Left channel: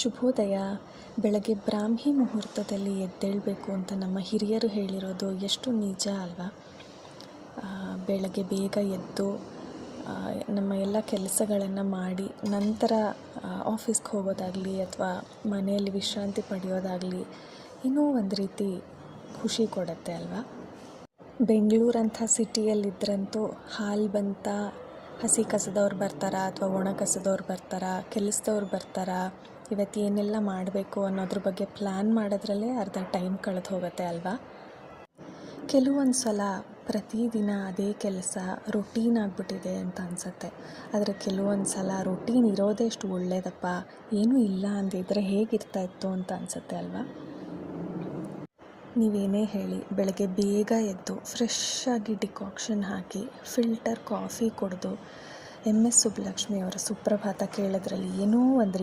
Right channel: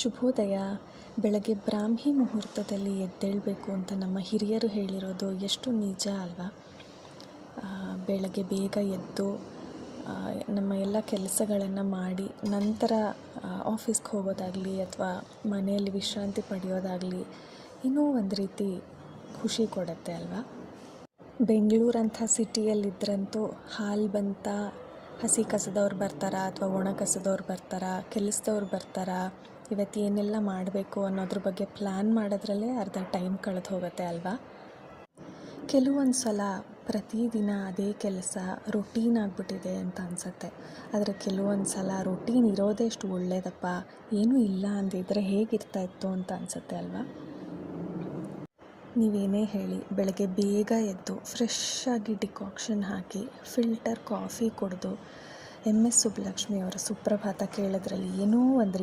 ಶುಭೋದಯ. ಬೆಳಗ್ಗೆ ಬ್ರಾಹ್ಮಿ ಮುಹೂರ್ತದಲ್ಲಿ ಎದ್ದೇಳಬೇಕು ಅಂತ ನಮ್ಮ ಹಿರಿಯರು ಹೇಳಿರೋದು ಎಷ್ಟು ನಿಜ ಅಲ್ವಾ? ಬೆಳಗ್ಗೆ ಬೇಗ ಎದ್ದು ನಮ್ಮ ಎಲ್ಲ ಕೆಲಸಗಳನ್ನು ಮಾಡಿ ನಂತರ ಆಫೀಸ್ಗೆ ಹೋಗೋದಾಗಲಿ ಅಥವಾ ಮನೆಯಲ್ಲಿ ವಿಶ್ರಾಂತಿ ಪಡೆಯೋದಾಗಲಿ ಇನ್ನೂ ಒಂದು ರೀತಿ ಖುಷಿ ಕೊಡುತ್ತೆ ಅಲ್ವಾ? ಬೆಂಗಳೂರಂಥ ಸಿಟಿಯಲ್ಲಿದ್ದರಂತೂ ಹಾಲು ಬಂತ, ಹಸಿ ಕಸದವ್ರು ಬರ್ತಾರಾ ಅಥವಾ ಒಣ ಕಸದವ್ರು ಬರ್ತಾರಾ, ಕೆಲಸದವ್ರು ಬರ್ತಾರಾ, ಇವತ್ತು ಏನೆಲ್ಲ ಮಾಡಬೇಕು ಅನ್ನೋದ್ರ ಬಗ್ಗೆ ಪ್ಲ್ಯಾನ್ ಮಾಡೋದ್ರಲ್ಲೇ ಅರ್ಧ ಟೈಮ್ ಕಳೆದು ಹೋಗುತ್ತೆ ಅಲ್ವಾ? ಕೆಲವೊಂದು ಸಲ ಪ್ರತಿದಿನ ಅದೇ ಕೆಲಸ ರೊಟೀನ್ ಆಗಿಬಿಟ್ಟಿದೆ ಅಂತ ಅನಿಸುತ್ತೆ. ಆದರೆ ಕೆಲವೊಂದು ಸಲ ರೊಟೀನ್ ಇರೋದೇ ಎಷ್ಟು ಒಳ್ಳೆಯದಪ್ಪ, ಏನೂ ಇಲ್ಲ ಅಂದಿದ್ರೆ ಹೇಗಿರ್ತಾ ಇತ್ತು ಅಂತ ಅನಿಸುತ್ತೆ ಅಲ್ವಾ? ನೀವೇನೇ ಹೇಳಿ, ಬೆಳಗ್ಗೆ ಬೇಗ ಎದ್ದು ಫ್ರೆಶ್ ಆಗಿ ಡಿಕಾಕ್ಷನ್ ಹಾಕಿ ಫಿಲ್ಟರ್ ಕಾಫಿ ಕುಡಿದು MS ಸುಬ್ಬಲಕ್ಷ್ಮಿ ಅವರ ಸುಪ್ರಭಾತ ಕೇಳೋದ್ರಲ್ಲಿ ಏನೋ ಒಂದು